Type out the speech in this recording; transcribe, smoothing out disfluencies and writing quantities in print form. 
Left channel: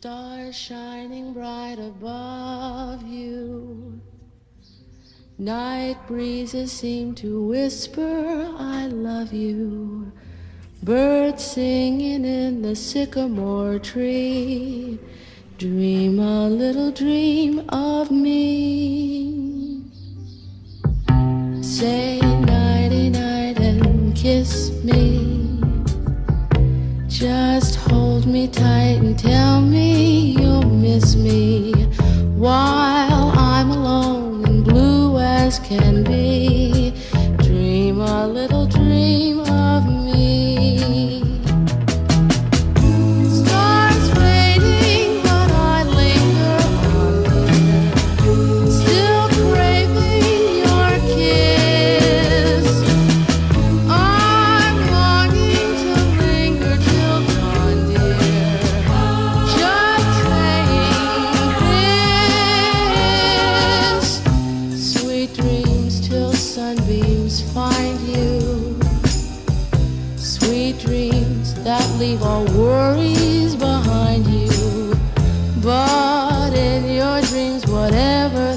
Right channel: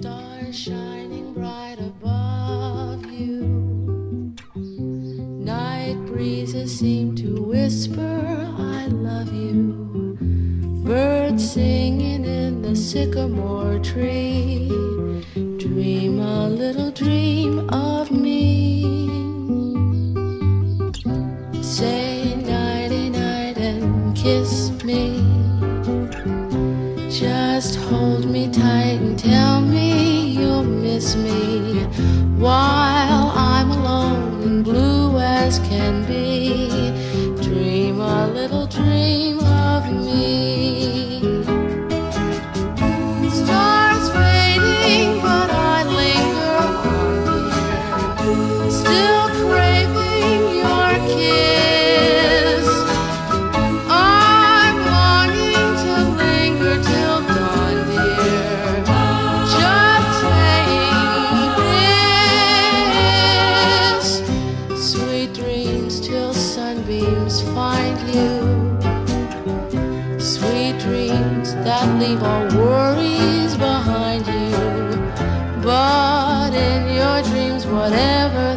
Stars shining bright above you. Night breezes seem to whisper, I love you. Birds singing in the sycamore tree. Dream a little dream of me. Say nighty-night and kiss me. Just hold me tight and tell me you'll miss me while I'm alone and blue as can be. Dream a little dream of me. Stars fading, but I linger on, dear, still craving your kiss. I'm longing to linger till dawn, dear, just saying this. Sweet dreams till sunbeams find you. Sweet dreams that leave all worries behind you. But in your dreams, whatever